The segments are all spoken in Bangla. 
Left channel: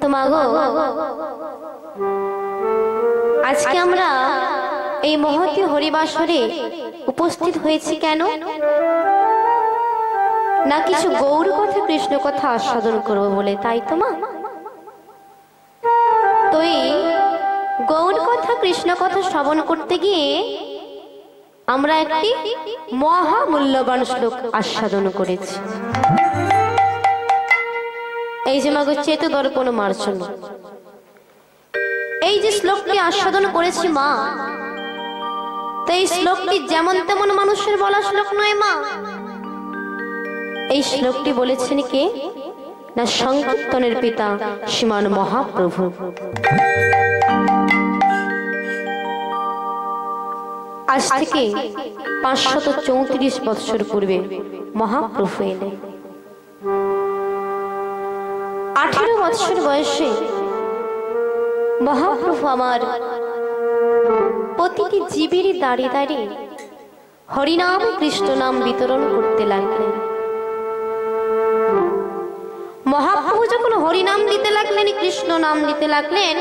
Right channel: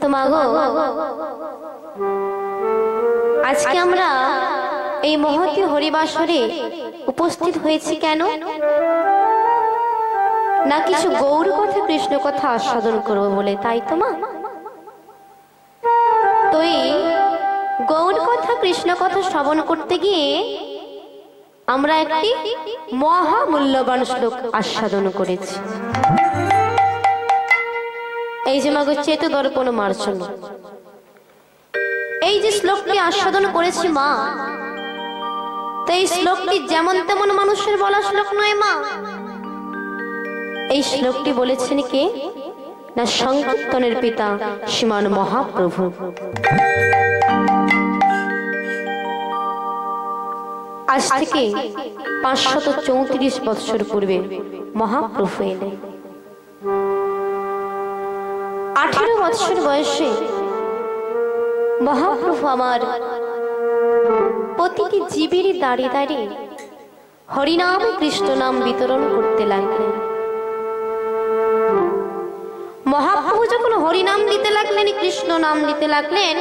তো মাগো, আজকে আমরা এই মহতী হরিবাসরে উপস্থিত হয়েছি কেন? না কিছু গৌর কথা কৃষ্ণ কথা আস্বাদন করবো বলে, তাই তো মা? তো এই গৌর কথা কৃষ্ণ কথা শ্রবণ করতে গিয়ে আমরা একটি মহামূল্যবান শ্লোক আস্বাদন করেছি। এই যে মাগো চেত দর্পণ মার্জন, এই যে শ্লোকটি আস্বাদন করেছি মা, তো এই শ্লোকটি যেমন তেমন মানুষের বলা শ্লোক নয় মা। এই শ্লোকটি বলেছেন কে? না সংকীর্তনের পিতা শ্রীমান মহাপ্রভু। আজ থেকে 534 বৎসর পূর্বে মহাপ্রভু এলেন। 18 বৎসর বয়সে মহাপ্রভু আমার প্রতিটি জীবেরই দাঁড়িয়ে দাঁড়িয়ে হরিনাম কৃষ্ণ নাম বিতরণ করতে লাগলেন। মহাপ্রভু যখন হরিনাম দিতে লাগলেন, কৃষ্ণ নাম দিতে লাগলেন,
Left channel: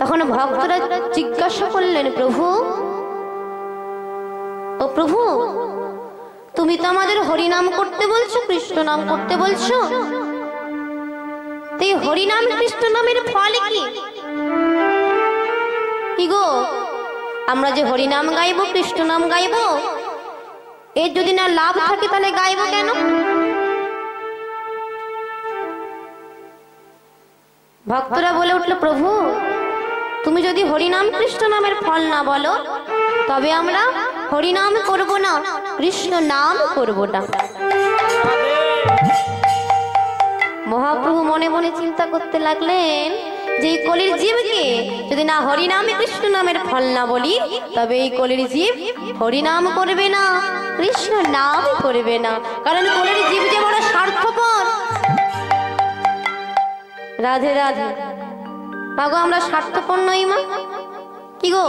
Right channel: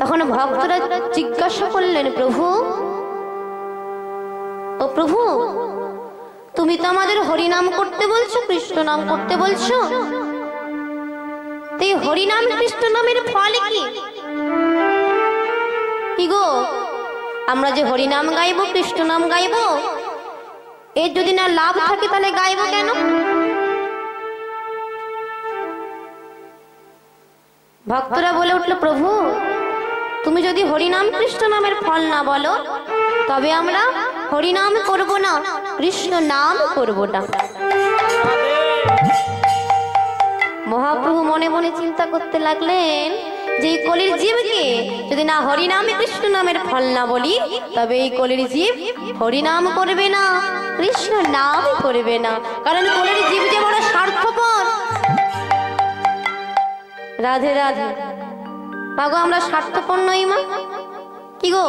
তখন ভক্তরা জিজ্ঞাসা করলেন, প্রভু ও প্রভু, তুমি তো আমাদের হরিনাম করতে বলছো, কৃষ্ণ নাম করতে বলছো, তো এই হরিনাম কৃষ্ণ নামের ফল কি? কি গো, আমরা যে হরিনাম গাইবো, কৃষ্ণ নাম গাইবো, এর যদি না লাভ থাকে তাহলে গাইবো কেন? ভক্তরা বলে উঠল, প্রভু তুমি যদি হরিনাম কৃষ্ণ নামের ফল না বলো, তবে আমরা হরিনাম করব না, কৃষ্ণ নাম করব না। মহাপ্রভু মনে মনে চিন্তা করতে লাগলেন যে এই কলির জীবকে যদি না হরিনামে কৃষ্ণ নামের ফল না বলি, তবে এই কলির জীব হরিনাম করবে না, কৃষ্ণ নাম করবে না। কারণ কলির জীব যে বড় স্বার্থপর। রাধে রাধে। মাগো, আমরা স্বার্থপর নই মা? কি গো,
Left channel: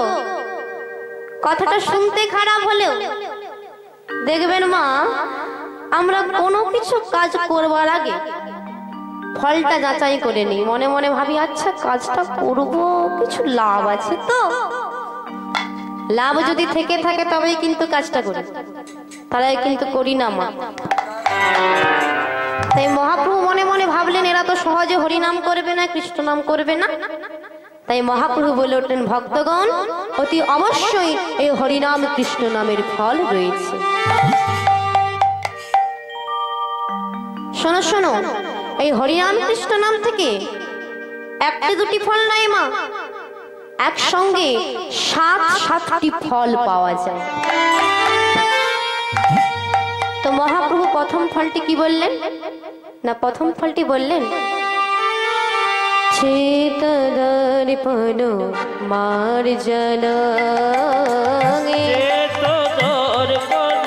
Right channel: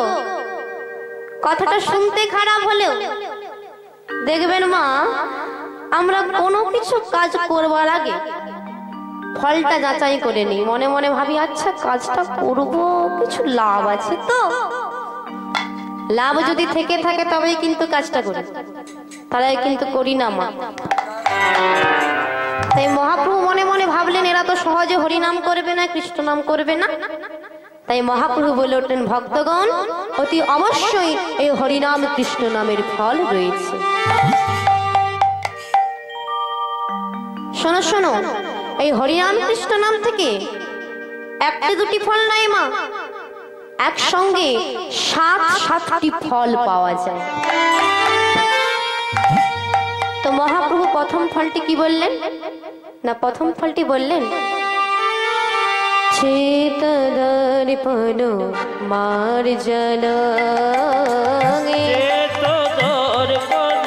কথাটা শুনতে খারাপ হলেও দেখবেন মা, আমরা কোনো কিছু কাজ করবার আগে ফলটা যাচাই করে নিই। মনে মনে ভাবি, আচ্ছা কাজটা করব, কিছু লাভ আছে তো? লাভ যদি থেকে থাকে তবেই কিন্তু কাজটা করি, তারাই কিন্তু করি না মা। তাই মহাপ্রভু মনে মনে ভাবলেন, এরা তো সহজে হরিনাম করবে না, কৃষ্ণ নাম করবে না। তাই মহাপ্রভু বলে উঠলেন, ভক্তগণ অতি অবশ্যই এই হরিনাম কৃষ্ণ নামের ফল রয়েছে। শোনো শোনো, এই হরিনাম কৃষ্ণ নাম থেকে একটি দুটি ফল নয় মা, একসঙ্গে 7টি ফল পাওয়া যায়। তো মহাপ্রভু প্রথম ফলটি কি বললেন? না প্রথম ফলটি বললেন, চেত দর্পণ মার্জন, চেত দর্পণ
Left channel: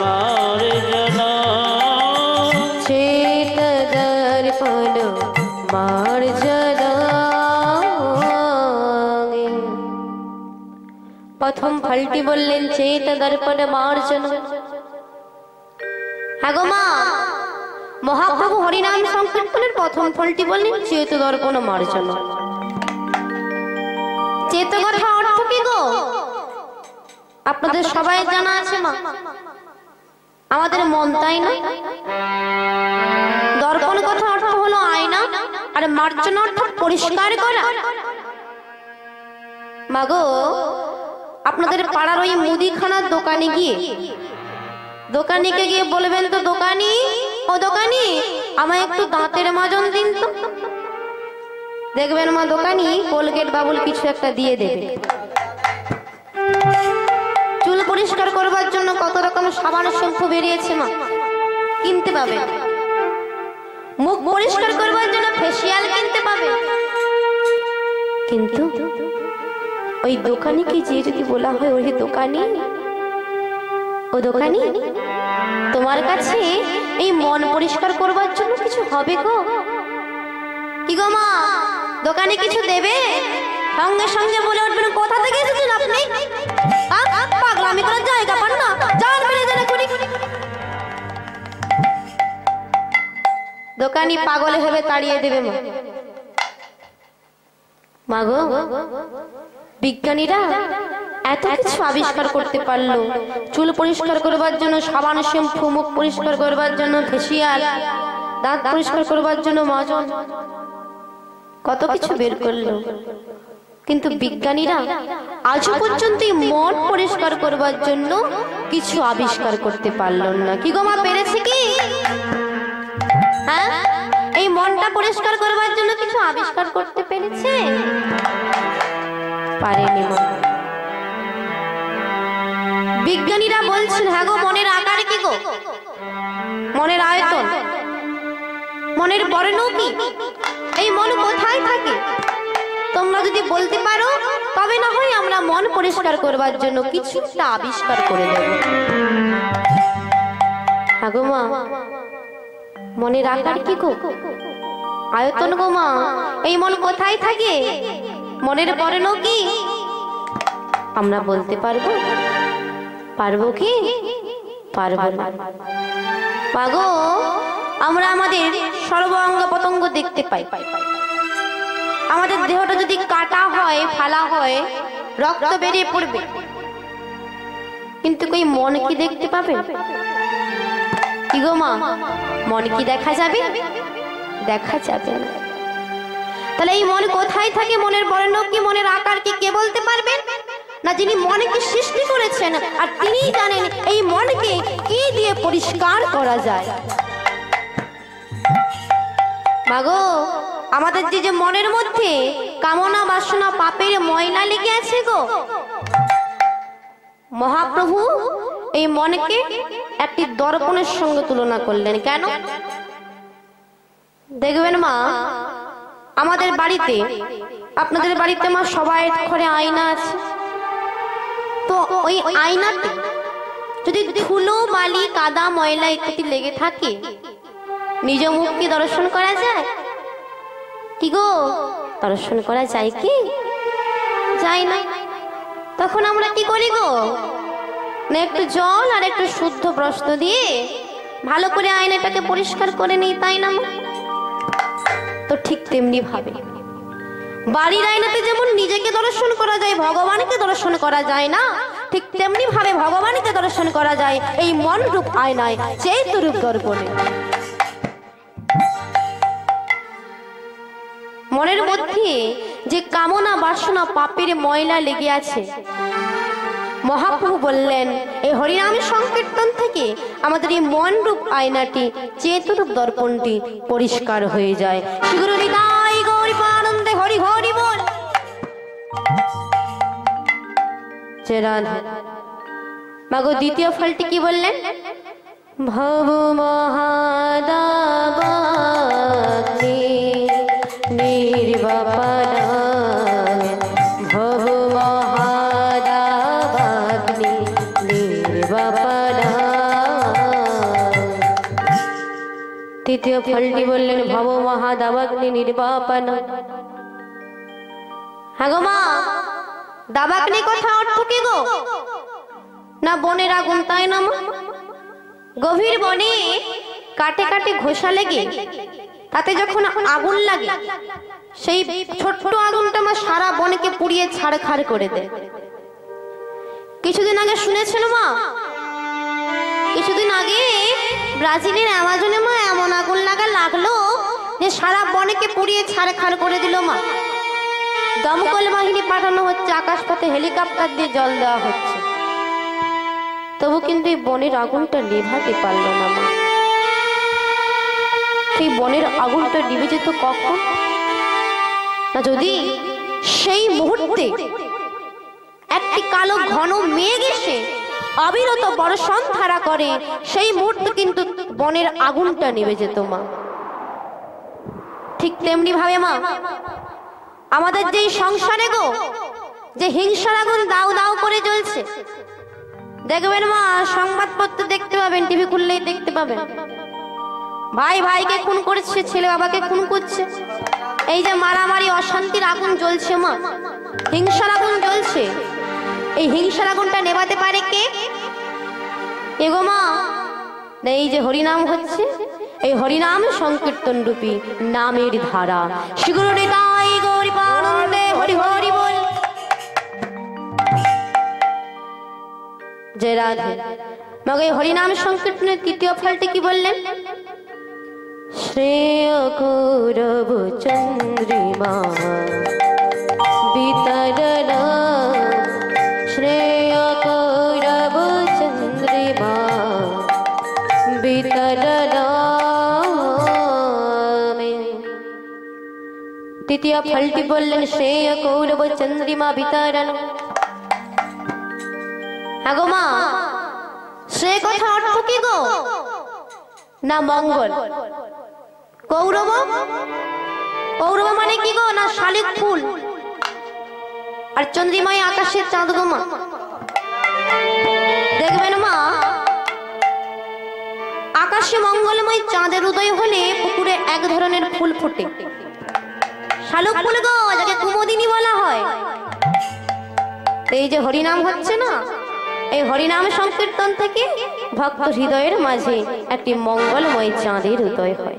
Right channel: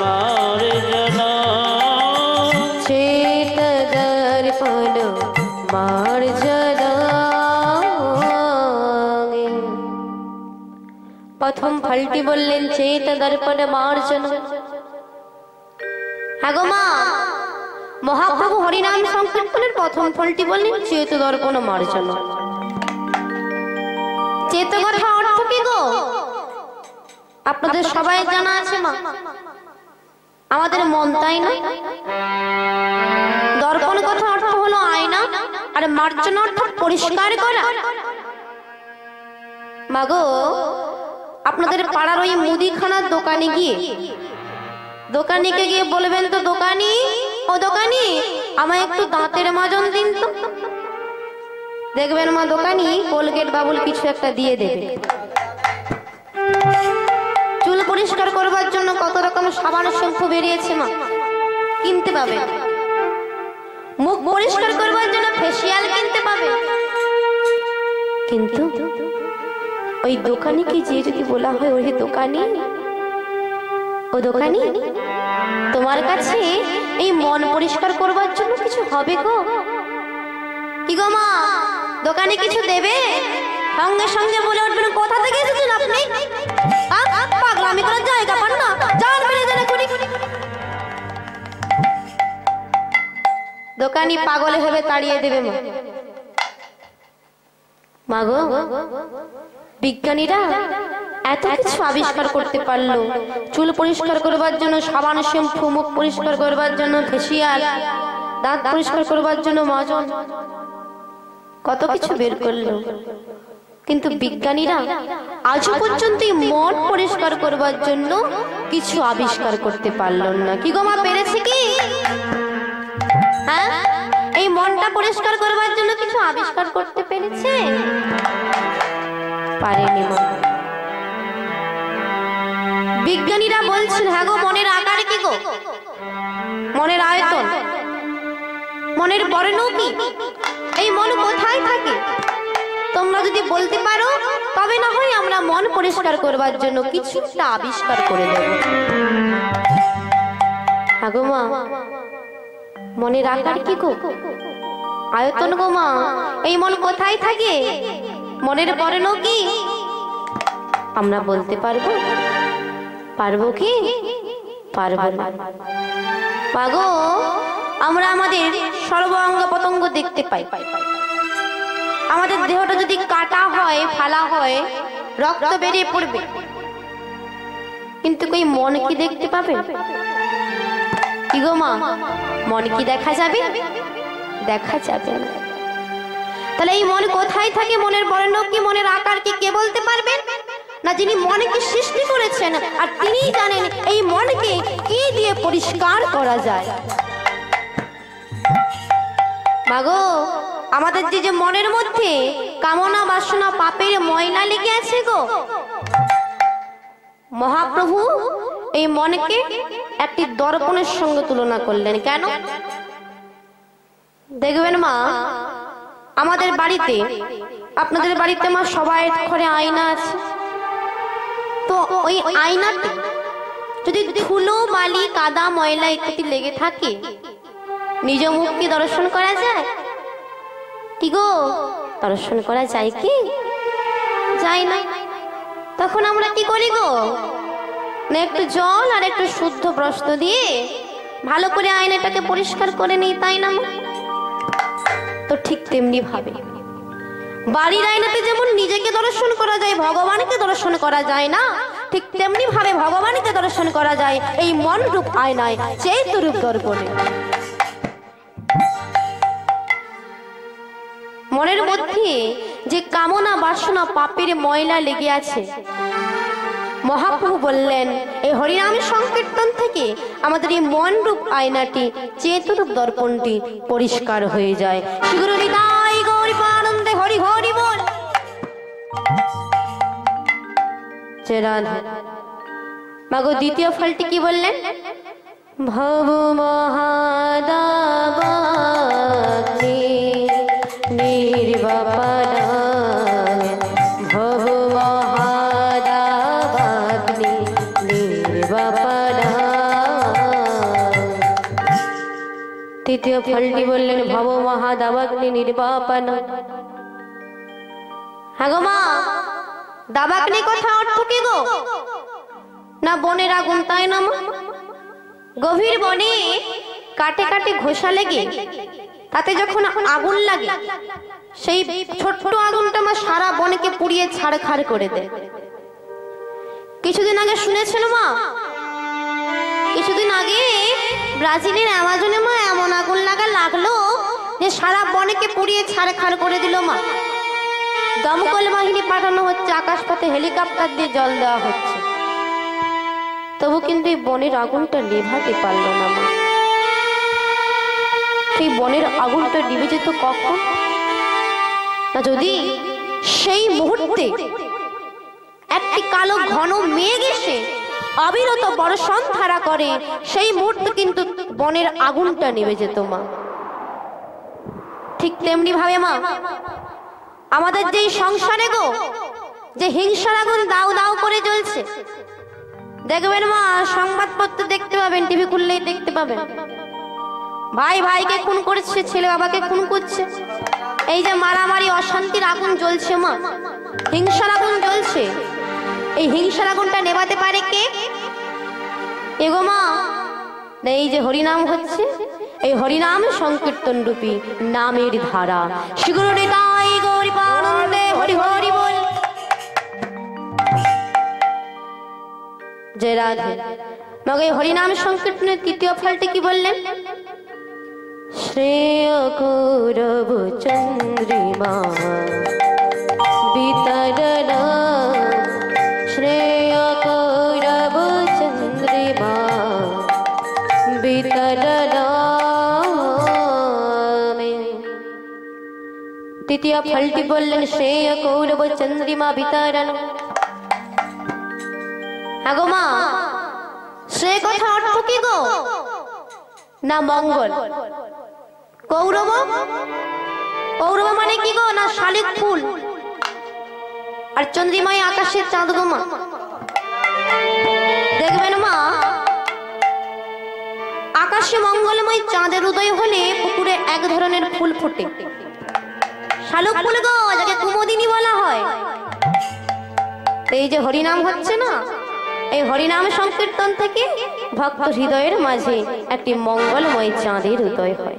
মার্জন, চেত দর্পণ মার্জন। প্রথম ফলটি বললেন চেত দর্পণ মার্জন। হ্যাঁ গো মা, মহাপ্রভু হরিনাম সংকীর্তনের প্রথম ফলটি বললেন চেত দর্পণ মার্জন। চেত কথা অর্থ কি গো? আপনাদের সবাই জানা আছে মা, আমাদের মন, তাই না? দর্পণ কথা অর্থ হলো আয়না, আর মার্জন অর্থ পরিষ্কার করা। মাগো, আপনাদের পাড়ার ওই মুদিখানার দোকানে গিয়ে দোকানিকে গিয়ে বলবেন তো, দোকানি ও দোকানি, আমায় একটু দাঁতের মাজন দিন তো। দেখবেন মা, দোকানি কোলগেট বাবুল কিছু একটা দিয়ে দেবে। চুল পরিষ্কার করবার জন্য কত রকম সাবান শ্যাম্পু বেরিয়েছে মা, কিনতে পাবে। মুখ পরিষ্কার করবার জন্য ফেসিয়াল কিনতে পাবে। কিন্তু ওই দোকানিকে যে যদি বলা হয়, ওই দোকানি ও দোকানি, তোমার কাছে এই মন পরিষ্কার করবার জন্য কিছু হবে গো? কি গো মা, দোকানে কিছু দেবে? সঙ্গে সঙ্গে বলে উঠবেন, কোথা থেকে এসেছেন আপনি? পাগলামি করার জায়গা পান না, জান বেড়ে জানে। দোকানি পাগলে হবে তাড়িয়ে দেবে মা। মাগো, বিজ্ঞানীরা এত কিছু আবিষ্কার করতে পারলো, চুল পরিষ্কার করবার জন্য সাবান, শ্যাম্পু, মুখ পরিষ্কার করবার জন্য ফেসিয়াল, দাঁত পরিষ্কার করবার জন্য মাজন, কত কিছু বের করলো। কিন্তু বিজ্ঞানীরা আজ পর্যন্ত মন পরিষ্কার করবার জন্য কিছু আবিষ্কার করতে পারলো না। কি গো মা, পেরেছে কি? হ্যাঁ, এই মনটা পরিষ্কার করবার জন্য কিছু আবিষ্কার করতে পেরেছে? পারেনি মা। বিজ্ঞানীরা বলছেন, হ্যাঁ গো, মনের আকার কি গো, মনের আয়তন, মনের বর্ণ কি, এই মন কোথায় থাকে, তোমরা যদি বলতে পারো তবে না হয় আমরা মন পরিষ্কার করবার জন্য কিছুটা আবিষ্কার করে দেব। হ্যাঁ গো মা, মনের আকার কি গো, আয়তন গো মা, এই মন কোথায় থাকে, মনের বর্ণ কি, আমরা বলতে পারবো? পারবো কি? পারবো না। পাগো, আমরা আমাদের সর্বাঙ্গ প্রত্যঙ্গ দেখতে পাই। আমাদের দেহটা যদি কাটা হয়, ফালা হয়, রক্ত বেরিয়ে পড়বে, কিন্তু কই মন কি দেখতে পাবে? কি গো মা, মন কি দেখা যাবে? দেখা যাবে না। তাহলে এই মন কোথায় থাকে, মনের বর্ণ কি, মনের আকার কি, কে বলতে পারবেন? না যিনি মনকে সৃষ্টি করেছেন, আর তিনিই জানেন এই মনকে কি দিয়ে পরিষ্কার করা যায়। মাগো, আমাদের যে মনের মধ্যে কামনা, বাসনা, পাপের ময়লা লেগে আছে গো, মহাপ্রভু এই মনকে একটি দর্পণের সঙ্গে তুলনা করলেন। কেন? দেখবেন মা, আমাদের বাড়িতে, আপনাদের বাড়িতে মা, সবাই ঘরে আয়না আছে, তো ওই আয়নাতে যদি ধুলো, বালি, কাদা, ময়লা ইত্যাদি লেগে থাকে, নিজ মুখ কি দর্শন করা যায়? কি গো, দর্শন করা যায় কি? যায় না। তখন আমরা কি করি গো, না একটু জল আর একটু শুদ্ধ বস্ত্র দিয়ে ভালো করে আয়নাটাকে পরিষ্কার করে নিই, তাই না? তো ঠিক তেমনি ভাবে বাড়ির আয়নাতে যেমন নিজেকে দর্শন করা যায়, ভগবানকে দর্শন করা যায় না, ঠিক তেমনি ভাবে ভগবানকে দর্শন করা যায় এই মন রূপ আয়নায়, চৈত্য রূপ দর্পণে। মনের মধ্যে যে কামনা, বাসনা, পাপের ময়লা লেগে আছে, মহাপ্রভু বললেন এই হরিনাম সংকীর্তন থেকে আমাদের এই মন রূপ আয়নাটি, চেতরূপ দর্পণটি পরিষ্কার হয়ে যায়। শ্রীগুরু নিতাই গৌর প্রেমানন্দে হরি হরি বল। মাগো, দ্বিতীয় ফলটি কি বললেন? ভব মহাদাবাগ্নি নির্বাপনা, ভব মহাদাবাগ্নি নির্বাপনা। তৃতীয় ফলটি বললেন ভব মহাদাবাগ্নি নির্বাপনা। হ্যাঁ গো মা, দাবাগ্নি কথা অর্থ কি গো, না বনের আগুন, তাই না মা? গভীর বনে কাটে কাটে ঘোষা লেগে তাতে যখন আগুন লাগে, সেই ছোট্ট আগুনটা মা সারা বনকে পুড়িয়ে ছাড়খাড় করে দেয়। কিছুদিন আগে শুনেছিল মা, কিছুদিন আগে ব্রাজিলের অ্যামাজনে মা এমন আগুন লাগলো যে সারা বনকে পুড়িয়ে ছাড়খাড় করে দিল মা। দমকল বাহিনী পাঠানো হচ্ছে, আকাশপথে হেলিকপ্টার দিয়ে জল দেওয়া হচ্ছে, তবু কিন্তু এই বনের আগুনটা নেভাতে পারলো না মা। সেই বনের আগুনটা নিভে যেত কখন না, যদি সেই মুহূর্তে একটি কালো ঘন মেঘ এসে অবিরত বর্ষণ ধারা করে, সেই মুহূর্তে কিন্তু বনের আগুনটা নিভে যেত মা। ঠিক তেমনি ভাবে মা, আমাদের যে সংসারে গো, যে হিংসার আগুন দাউ দাউ করে জ্বলছে, দেখবেন মা, সংবাদপত্র দেখতে পাবেন, টিভি খুললেই দেখতে পাবেন, ভাই ভাইকে খুন করছে, ছেলে বাবাকে খুন করছে, এই যে মারামারি, অশান্তির আগুন জ্বলছে মা, হিংসার আগুন জ্বলছে। এই হিংসার আগুনটা নেভাতে পারে কে? এগো মা, এই যে হরিনাম হচ্ছে, এই হরিনাম সংকীর্তন রূপী নামের ধারা। শ্রী গুরু নিতাই গৌর প্রেমানন্দে হরি হরি বল। জয় রাধে। মগে হরিনাম সংকীর্তনের তৃতীয় ফলটি কি বললেন? শ্রেয় কৌরব চন্দ্রিমা বিতরণ, শ্রেয় কৌরব চন্দ্রিমা বিতরণ। তৃতীয় ফলটি বললেন শ্রেয় কৌরব চন্দ্রিমা বিতরণ। আগো মা, সে কথা অর্থ কি গো? না মঙ্গল। কৌরব, কৌরব মানে কি গো? না শালিক ফুল। আর চন্দ্রিমায় আকাশের চাঁদ গো মা। দেখবেন মা, আকাশে মঙ্গলময় চাঁদের উদয় হলে পুকুরে এক ধরনের ফুল ফোটে, শালুক ফুল গো, যাকে কুমুদিনী বলা হয়। এই যে হরিনাম হচ্ছে না, এই হরিনাম সংকীর্তন থেকে ভক্ত হৃদয়ের মাঝে একটি মঙ্গলময় চাঁদের উদয় হয়।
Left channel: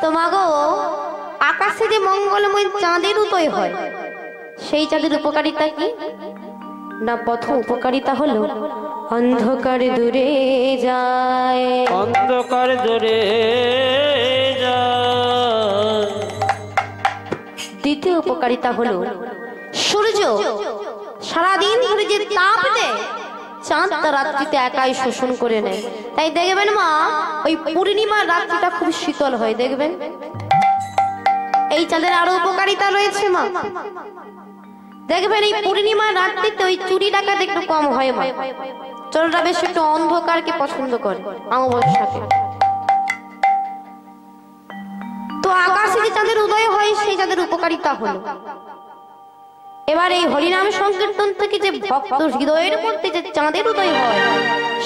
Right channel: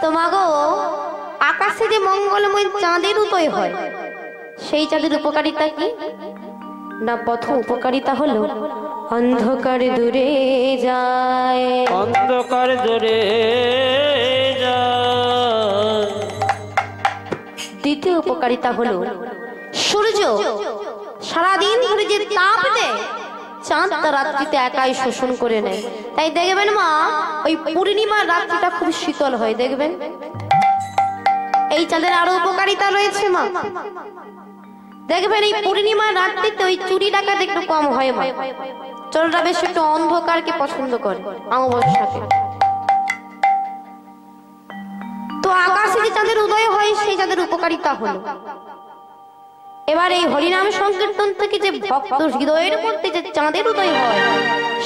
তো মাগো, আকাশে যে মঙ্গলময় চাঁদের উদয় হয়, সেই চাঁদের উপকারিতা কি? না প্রথম উপকারিতা হলো অন্ধকার দূরে যায়, অন্ধকার দূরে যায়। দ্বিতীয় উপকারিতা হলো সূর্য সারাদিন ধরে যে তাপ দেয়, চাঁদ তা রাত্রিতে একাই শোষণ করে নেয়। তাই দেখবেন মা, ওই পূর্ণিমার রাত্রিটা খুব শীতল হয়। দেখবেন এই চাঁদের আরো উপকারিতা রয়েছে মা। দেখবেন এই পূর্ণিমার রাত্রিতে ওই চুরি ডাকাত একটু কম হয় মা। চোররা বেশ একটু অন্ধকারকে পছন্দ করে অমাবস্যাকে। তো আকাশে যে চাঁদের উদয় হয়, সেই চাঁদের উপকারিতা হলো। এবার এই হরিনাম সংকীর্তন থেকে যে ভক্ত হৃদয়ের মধ্যে যে চাঁদের উদয় হয়,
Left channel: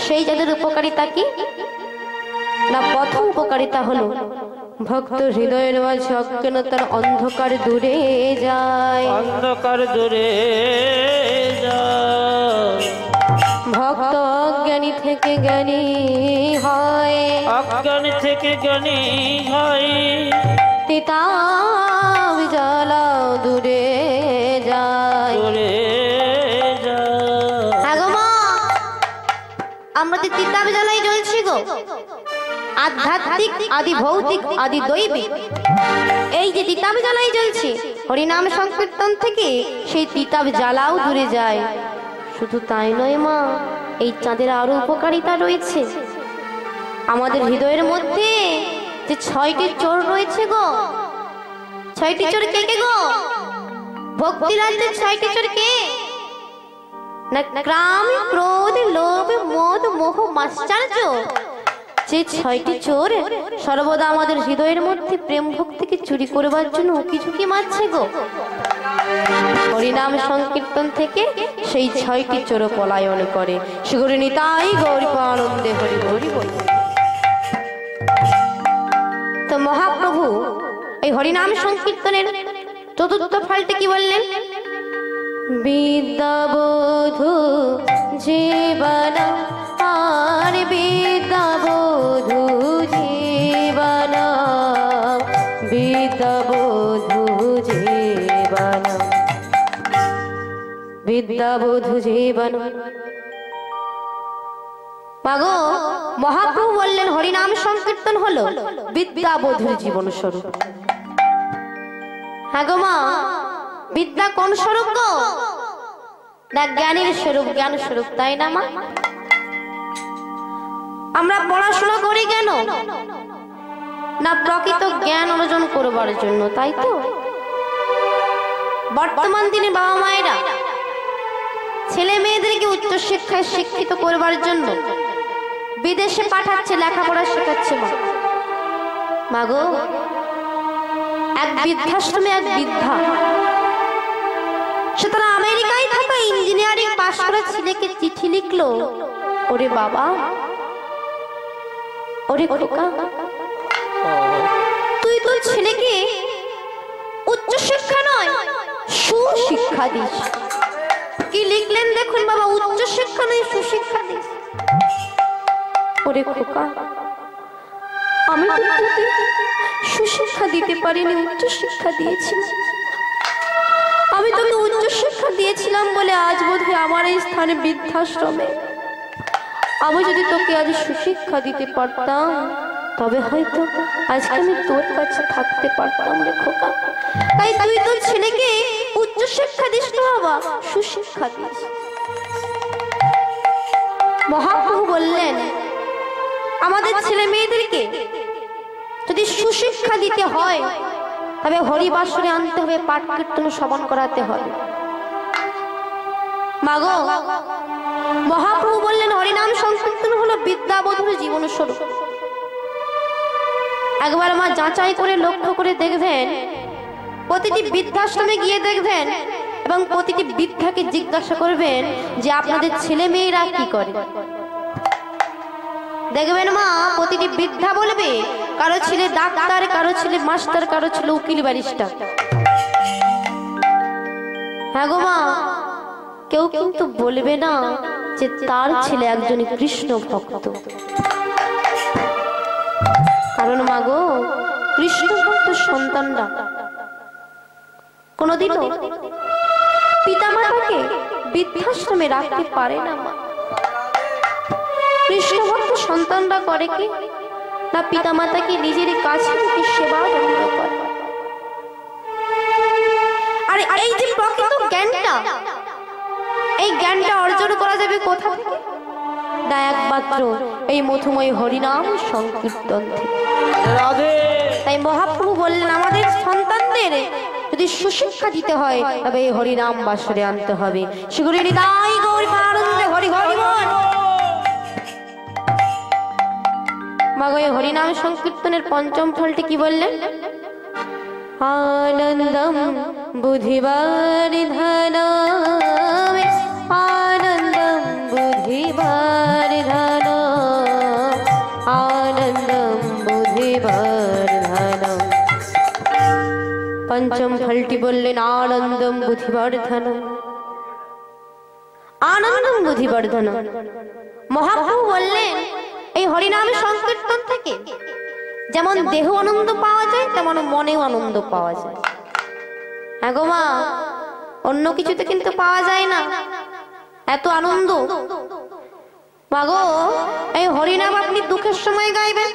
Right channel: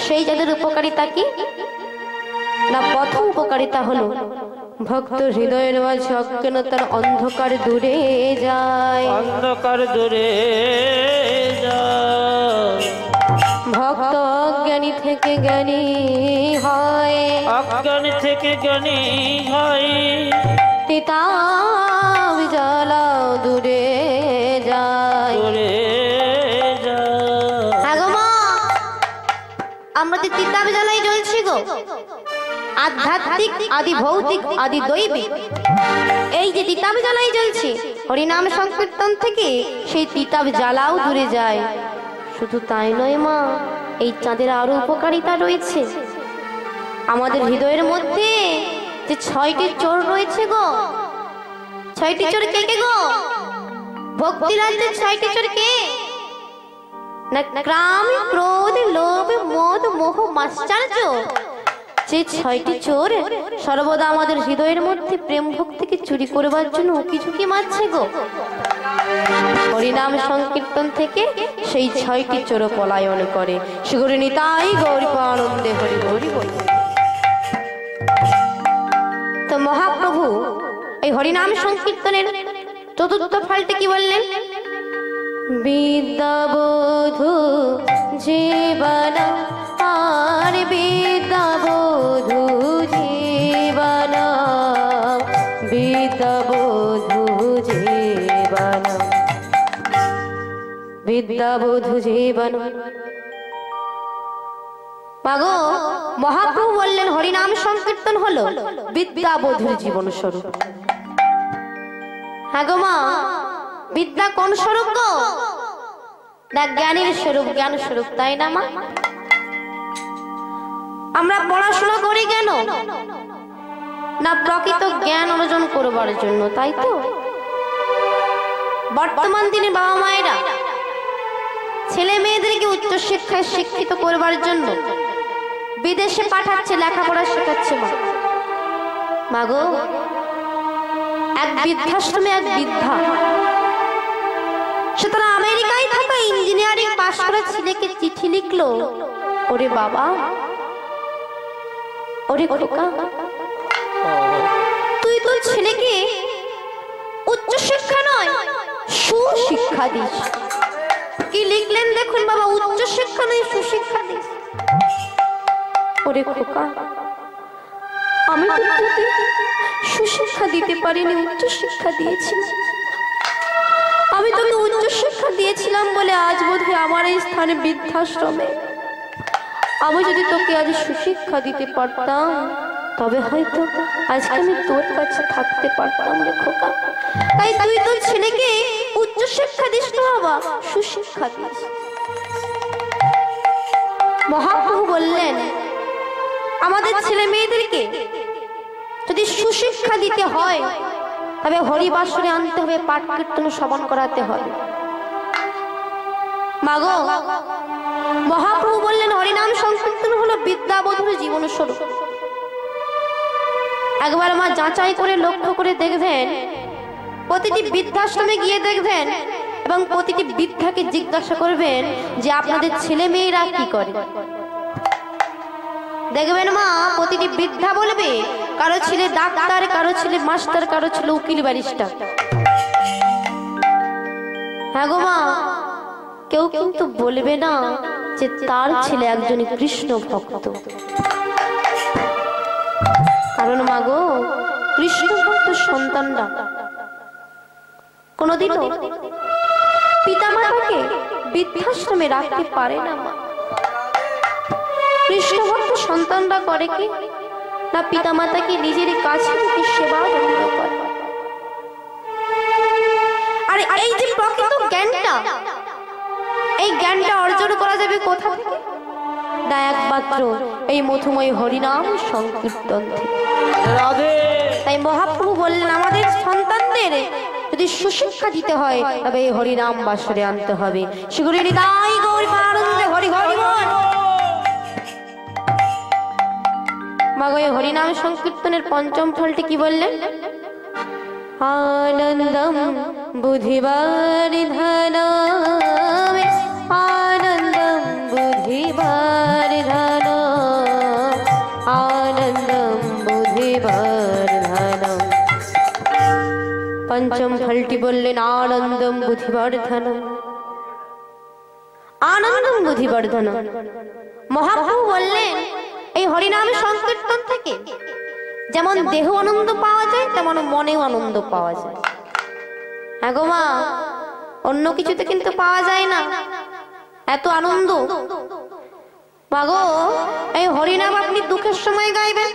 সেই চাঁদের উপকারিতা কি? না প্রথম উপকারিতা হলো ভক্ত হৃদয়ের মাঝে অজ্ঞানতার অন্ধকার দূরে যায়, অন্ধকার দূরে যায়। ভক্ত অজ্ঞানী থেকে জ্ঞানী হয়, অজ্ঞানী থেকে জ্ঞানী হয়। তিতাব জ্বালা দূরে যায়, দূরে যায়। আগো মা, আমরা যে তিতাব জ্বালাই জ্বলছি গো, আধ্যাত্মিক আদি ভৌতিক আদি দৈবিক, এই যে তিতাব জ্বালাই জ্বলছি হরিনাম সংকীর্তন থেকে, সেই তিতাব জ্বালাও দূরে যায়। শুধু তাই নয় মা, এই চাঁদের আরো উপকারিতা রয়েছে। আমাদের হৃদয়ের মধ্যে যে 6টি চোর রয়েছে গো, 6টি চোর কে কে গো? ভক্তি রাজ্যের 6টি চোর কে? না কাম ক্রোধ লোভ মোহ মোহ মাশ্চর্য। যে 6টি চোর সর্বদা আমাদের হৃদয়ের মধ্যে প্রেম ভক্তিকে চুরি করবার জন্য উকি ঝুঁকি মারছে গো। হরিনাম সংকীর্তন থেকে সেই 6টি চোর পলায়ন করে। শ্রী গুরু নিতাই গৌর প্রেমানন্দে হরি হরি বল। তো মহাপ্রভু এই হরিনাম সংকীর্তনের চতুর্থ ফলটি কি বললেন? বিদ্যাবোধু জীবন, আর বিদ্যাবোধু জীবন, বিদ্যাবোধু জীবন, বিদ্যাবোধু জীবন। মাগো, মহাপ্রভু বললেন হরিনাম সংকীর্তন হলো বিদ্যাবোধুর জীবন স্বরূপ। হ্যাঁ গো মা, বিদ্যা কোন স্বরূপ গো? না জ্ঞানের স্বরূপ, জ্ঞান স্বরূপ, তাই না মা? আমরা পড়াশোনা করি কেন? না প্রকৃত জ্ঞান অর্জন করবার জন্য, তাই তো? বর্তমান দিনে বাবা মায়েরা ছেলে মেয়েদেরকে উচ্চ শিক্ষায় শিক্ষিত করবার জন্য বিদেশে পাঠাচ্ছে, লেখাপড়া শেখাচ্ছে মা। মাগো, এক বৃদ্ধাশ্রমে এক বৃদ্ধা, সে তারা আমেরিকায় থাকা ইঞ্জিনিয়ারিং পাশ করা ছেলেকে চিঠি লিখলো, ওরে বাবা, ওরে খোকা, তুই তোর ছেলেকে উচ্চ শিক্ষা নয় সুশিক্ষা দিস। কি লিখলেন দেখুন বাবা, উচ্চ শিক্ষা নয় সুশিক্ষা দিস। ওরে খোকা, আমি তো তোকে সুশিক্ষা দিতে পারিনি, উচ্চ শিক্ষা দিয়েছিলাম। আমি তোকে উচ্চ শিক্ষা দিয়েছিলাম বলে আজ বোধহয় আমার এই স্থানে বৃদ্ধাশ্রমে। আমি যদি তোকে আজ সুশিক্ষা দিতে পারতাম তবে হয়তো আজকে আমি তোর কাছে থাকতে পারতাম রে খোকা। তাই তুই তোর ছেলেকে উচ্চ শিক্ষা দিস না বাবা, সুশিক্ষা দিস। মহাপ্রভু বললেন, আমাদের ছেলে মেয়েদেরকে যদি সুশিক্ষা দিতে হয় তবে হরিবাসরে আনতে হবে, পাঠ কীর্তন শ্রবণ করাতে হবে। মাগো, মহাপ্রভু বললেন হরিনাম সংকীর্তন হলো বিদ্যাবধূর জীবন স্বরূপ। একবার মা যাচাই করে লক্ষ্য করে দেখবেন, প্রতিটি বৃদ্ধাশ্রমে গিয়ে দেখবেন এবং প্রতিটি বৃদ্ধাকে জিজ্ঞাসা করবেন যে আপনাদের ছেলে মেয়েরা কি করে। দেখবেন মা প্রতিটি বৃদ্ধা বলবে কারো ছেলে ডাক্তার, কারো ছেলে মাস্টার, কারো ছেলে উকিল ব্যারিস্টার। হ্যাঁ গো মা, কেউ কিন্তু বলবে না যে তার ছেলে একজন কৃষ্ণ ভক্ত। কারণ মা গো, কৃষ্ণ ভক্ত সন্তানরা কোনদিনও পিতামাতাকে বৃদ্ধাশ্রমে রাখতে পারে না। মা, কৃষ্ণ ভক্ত সন্তানরা করে কি না, পিতামাতাকে নিজের কাছে রেখে সেবা যত্ন করে। আর এই যে প্রকৃত জ্ঞানটা, এই জ্ঞানটা অর্জন করা যাবে কোথা থেকে? না, একমাত্র এই মধুময় হরিনাম সংকীর্তন থেকে। তাই মহাপ্রভু বললেন, আমাদের সন্তানদের যদি সুশিক্ষা দিতে হয় তবে এই হরিনাম বাসরে আনতে হবে। সেগুলি নিতাই গৌর আনন্দে হরি হরি বল। মাগো, এই হরিনাম সংকীর্তনের পঞ্চম ফলটি কি বললেন? আনন্দম বুদ্ধিবর্ধনম, আনন্দম বুদ্ধিবর্ধনম, আনন্দম বুদ্ধিবর্ধনম। পঞ্চম ফলটি বললেন আনন্দম বুদ্ধিবর্ধনম, আনন্দম বুদ্ধিবর্ধনম। মহাপ্রভু বললেন এই হরিনাম সংকীর্তন থেকে যেমন দেহ আনন্দ পাওয়া যায় তেমন মনেও আনন্দ পাওয়া যায়। হ্যাঁ গো মা, অন্য কিছুতে কিন্তু পাওয়া যায় না এত আনন্দ। মাগো, এই হরিনাম আপনি দুঃখের সময় গাইবেন,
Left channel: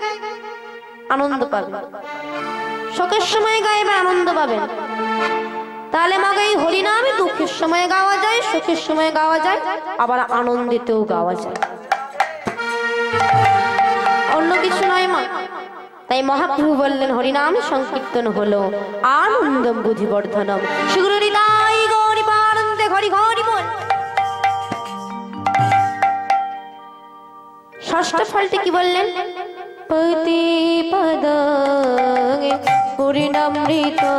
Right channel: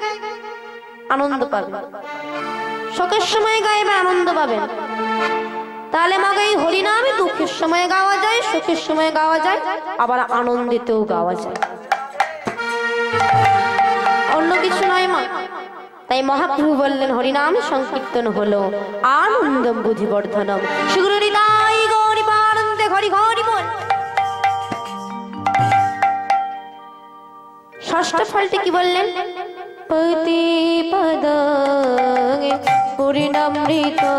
আনন্দ পাবেন, শোকের সময় গাইবেন, আনন্দ পাবেন। তাহলে মাগো, এই হরিনামে দুঃখের সময় গাওয়া যায়, সুখের সময় গাওয়া যায়, আবার আনন্দিতেও গাওয়া যায়, অন্য কিছু নয় মা। তাই মহাপ্রভু বললেন হরিনাম সংকীর্তন হলো আনন্দম বুদ্ধিবর্ধনম। সেগুলো নিতাই গৌর আনন্দে হরি হরি বল। ষষ্ঠ ফলটি কি বললেন? প্রতিপদে পূর্ণামৃতে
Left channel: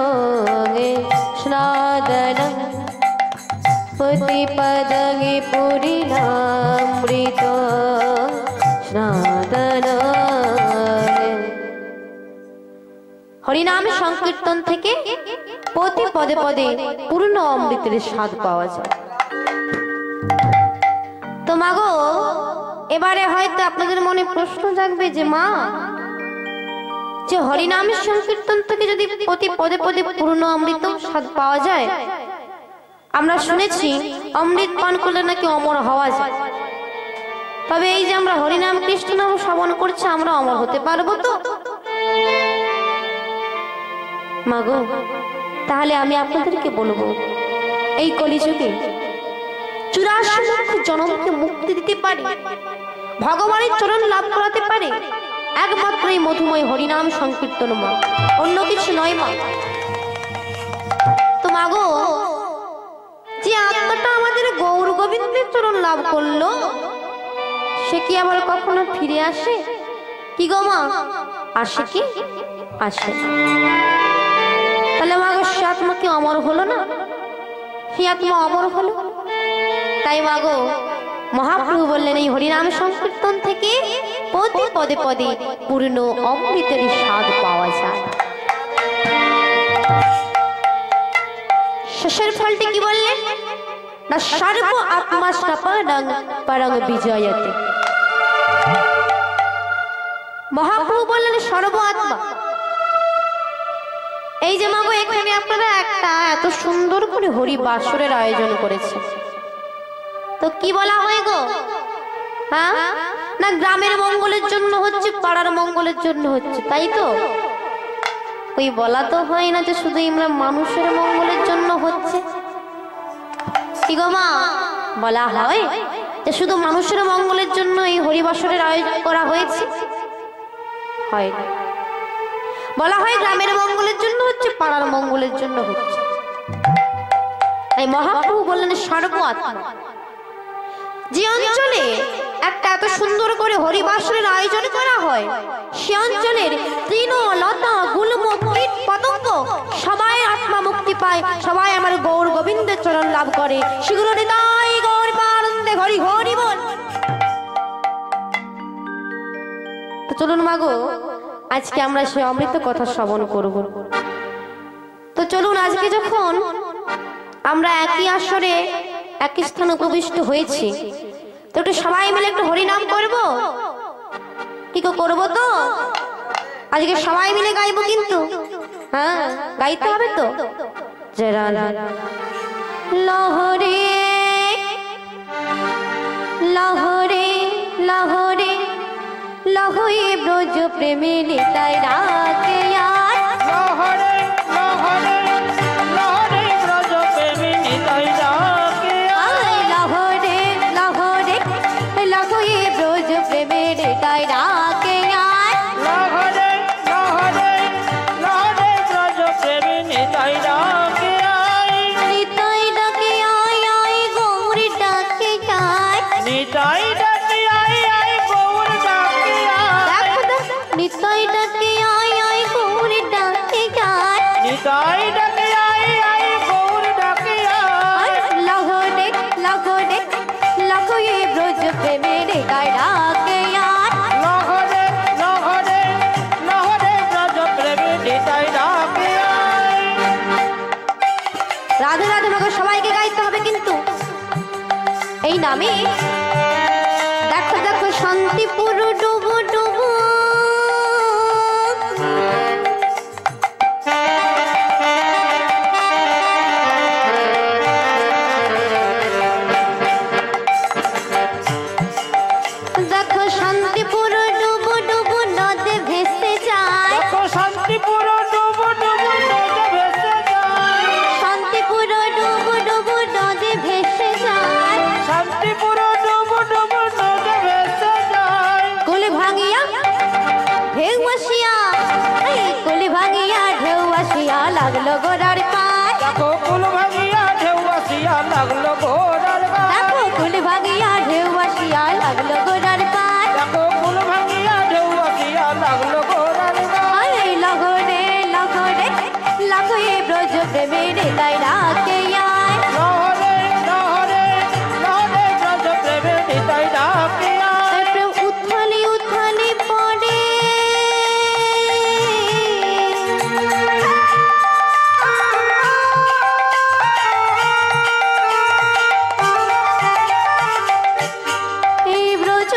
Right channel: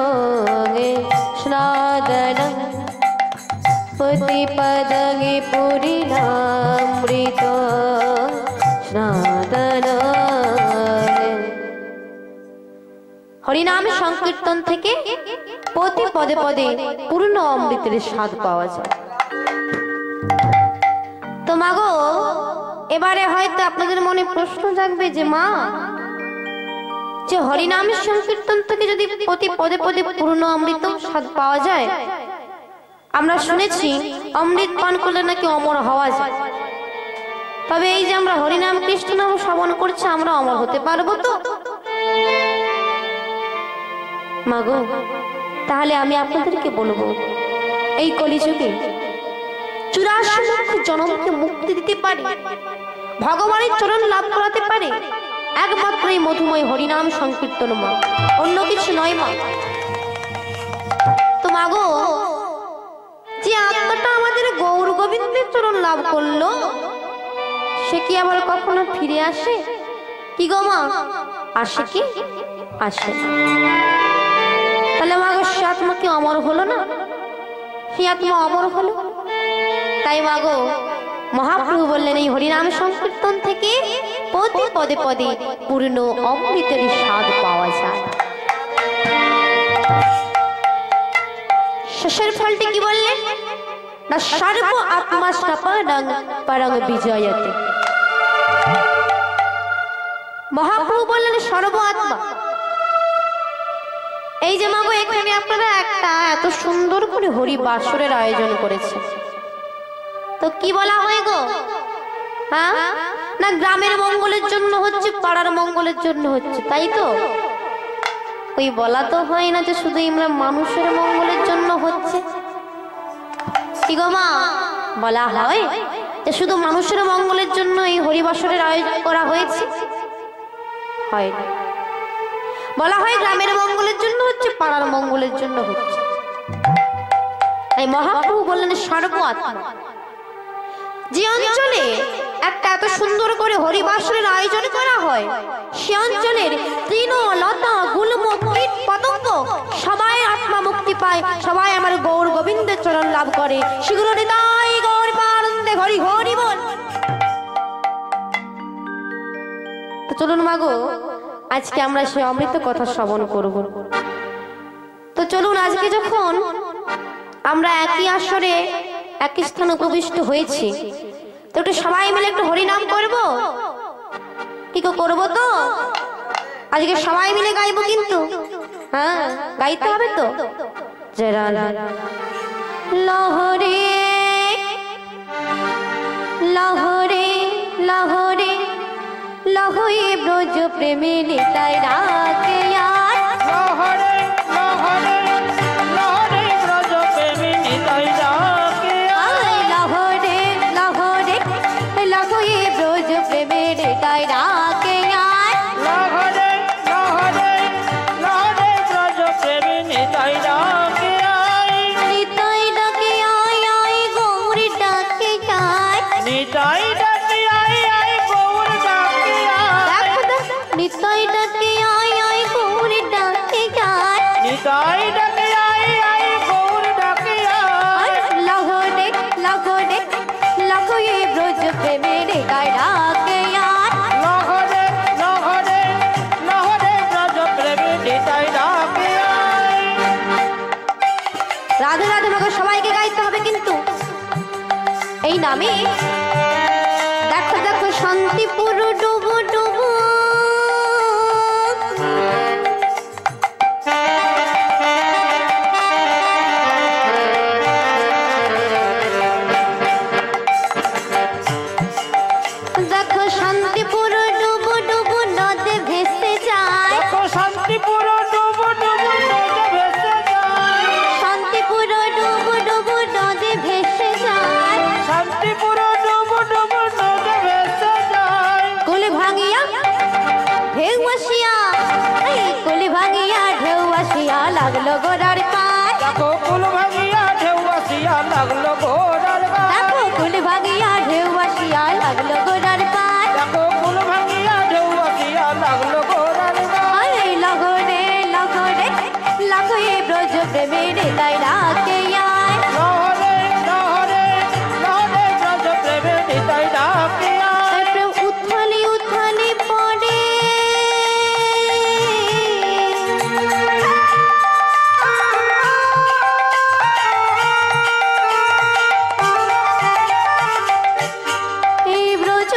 স্নাদনম, প্রতিপদে পূর্ণামৃতে স্নাদনম। হরিনাম সংকীর্তন থেকে প্রতি পদে পদে পূর্ণ অমৃতের স্বাদ পাওয়া যায়। তো মাগো, এবারে হয়তো আপনাদের মনে প্রশ্ন জাগবে যে মা, যে হরিনাম সংকীর্তন থেকে যদি প্রতি পদে পদে পূর্ণ অমৃত স্বাদ পাওয়া যায়, আমরা শুনেছি অমৃত পান করলে নাকি অমর হওয়া যায়। তবে এই যে আমরা হরিনাম কৃষ্ণ নাম শ্রবণ করছি, আমরা অমর হতে পারবো তো? মাগো, তাহলে আমি আপনাদেরকে বলবো, এই কলিযুগে 84 লক্ষ জনমকে মুক্তি দিতে পারে, ভগবানের চরণ লাভ করাতে পারে একমাত্র এই মধুময় হরিনাম সংকীর্তন মা, অন্য কিছু নয় মা। তো মাগো, যে আত্মাটা আমাদের গৌর গোবিন্দের চরণ লাভ করলো, সে কি আবার কখনো ফিরে আসে? কি গো মা, আসে কি? আসে। তাহলে মাগো, সে আত্মা কি অমর হলো না? সে আত্মা অমর হলো। তাই মাগো, মহাপ্রভু বললেন এই হরিনাম সংকীর্তন থেকে প্রতি পদে পদে পূর্ণ অমৃতের স্বাদ পাওয়া যায়। শেষের ফলটি কি বললেন? না, সর্ব আত্মা স্থাপনং পরং বিজয়তে। মহাপ্রভু বললেন সর্ব আত্মা। এই যে মাগো এখানে আপনারা একটা এত সুন্দর করে হরি বাসরের আয়োজন করেছে, তো কি বলা হয় গো? হ্যাঁ, না গ্রামের মঙ্গলের জন্য হচ্ছে, পাড়ার মঙ্গলের জন্য হচ্ছে, তাই তো? ওই বলা তো হয় না যে শুধু আমরা মানুষের মঙ্গলের জন্য হচ্ছে। কি গো মা, বলা হয় যে শুধু মানুষের মঙ্গলের জন্য এই হরিবাসরের আয়োজন করা হয়েছে? হয় না, বলা হয় গ্রামের মঙ্গলের জন্য হচ্ছে, পাড়ার মঙ্গলের জন্য হচ্ছে। এই মহাপ্রভু বললেন সর্ব আত্মা। যে অঞ্চলে একটা এত সুন্দর করে হরিবাসরের আয়োজন করা হয়, সে অঞ্চলের তৃণ লতা গুল্ম কীট পতঙ্গ সবাই আত্মা মুক্তি পায়, সবাই আমার গৌর গোবিন্দের চরণ লাভ করে। শীঘ্র নিতাই গৌর পানন্দে হরি হরি বল। তো চলুন মাগো, আজকে আমরা সে অমৃত কথা শ্রবণ করব। তো চলুন, আজকে যখন আমরা একই আসরে একই স্থানে উপবিষ্ট হয়েছি, তো একটু সবাই মিলে একটু হরিনাম করব। কি করবো? তো আজকে সবাই মিলে গাইবো, কিন্তু হ্যাঁ গাইতে হবে তো। জরা লহরে লহরে লহরে লহরে ব্রজ প্রেমে নিতাই রাকে আর। লহরে লহরে লহরে ব্রজ প্রেমে নিতাই রাকে আর। লহরে লহরে লহরে ব্রজ প্রেমে নিতাই রাকে আর। লহরে লহরে লহরে ব্রজ প্রেমে নিতাই রাকে আই। নিতাই ডাকে আয় আয় গৌর ডাকে আয়। নিতাই ডাকে আই আই গৌর ডাকে আই। নিতাই ডাকে আয় আয় গৌর ডাকে আয়। নিতাই ডাকে আই আই গৌর ডাকে আই। লহরে লহরে লহরে ব্রজ প্রেমে নিতাই রাকে আর। লহরে লহরে লহরে ব্রজ প্রেমে নিতাই রাকে আই। রাধে রাধে মাগো, সবাইকে গাইতে হবে কিন্তু এই নামে। দেখো দেখো শান্তিপুর ডুবু ডুবু, দেখো শান্তিপুর ডুবু ডুবু নদে ভেসে যায়। দেখো শান্তিপুর ডুবু ডুবু নদে ভেসে যায়। শান্তিপুর ডুবু ডুবু নদে ভেসে যায়। শান্তিপুর ডুবু ডুবু নদে ভেসে যায়। কুল ভাঙিয়া ঢেউ আসিয়া, এই কুল ভাঙিয়া ঢেউ আসিয়া লাগলো গোড়ার পার। দেখো কুল ভাঙিয়া ঢেউ আসিয়া লাগলো ঘোড়ার গায়। দেখো কুল ভাঙিয়া ঢেউ আসিয়া লাগলো গোড়ার পার। দেখো কুল ভাঙিয়া ঢেউ আসিয়া লাগলো ঘোড়ার গায়। আরে লগরে লগরে লগরে ব্রজ প্রেমে নিতাই রাকে আয়। লহরে লহরে লহরে ব্রজ প্রেমে নিতাই রাকে আই। প্রেম উথালি উথালি পড়ে, এই ব্রজ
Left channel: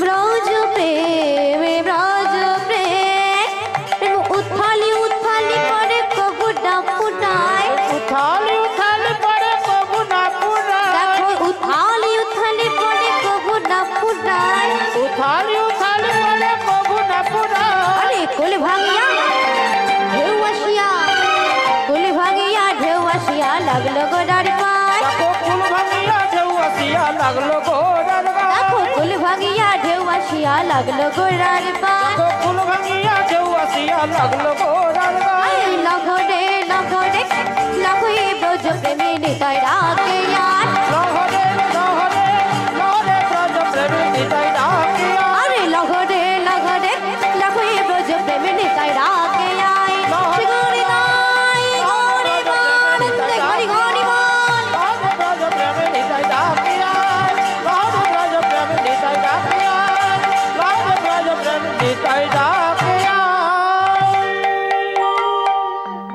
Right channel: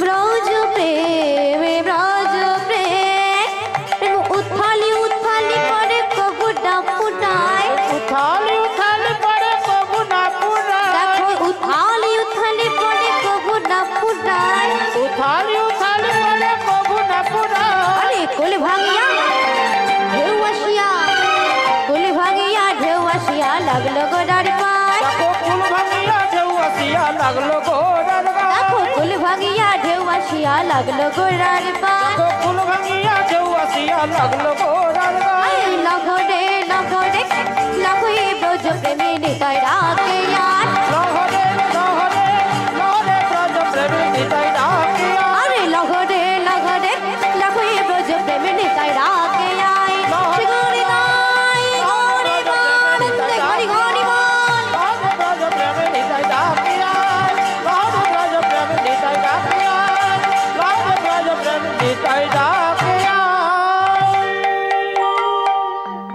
ব্রজ প্রেমে ব্রজ প্রেম উথালি উথালি পড়ে কবু ডাপুটায়। উথালি উথালি পড়ে কবু না পুরায়। দেখো উথালি উথালি পড়ে কবু ডাপুটায়। উথালি উথালি পড়ে কবু না পুরায়। আরে কোল ভাঙিয়া ঢেউ আসিয়া, কোল ভাঙিয়া ঢেউ আসিয়া লাগলো গোড়ার পার। দেখো কুল ভাঙিয়া ঢেউ আসিয়া লাগলো ঘোড়ার গায়। দেখো কোল ভাঙিয়া ঢেউ আসিয়া লাগলো গোড়ার পার। দেখো কুল ভাঙিয়া ঢেউ আসিয়া লাগলো ঘোড়ার গায়। লগরে লগরে লগরে ব্রজ প্রেমে নিতাই রাকে আয়।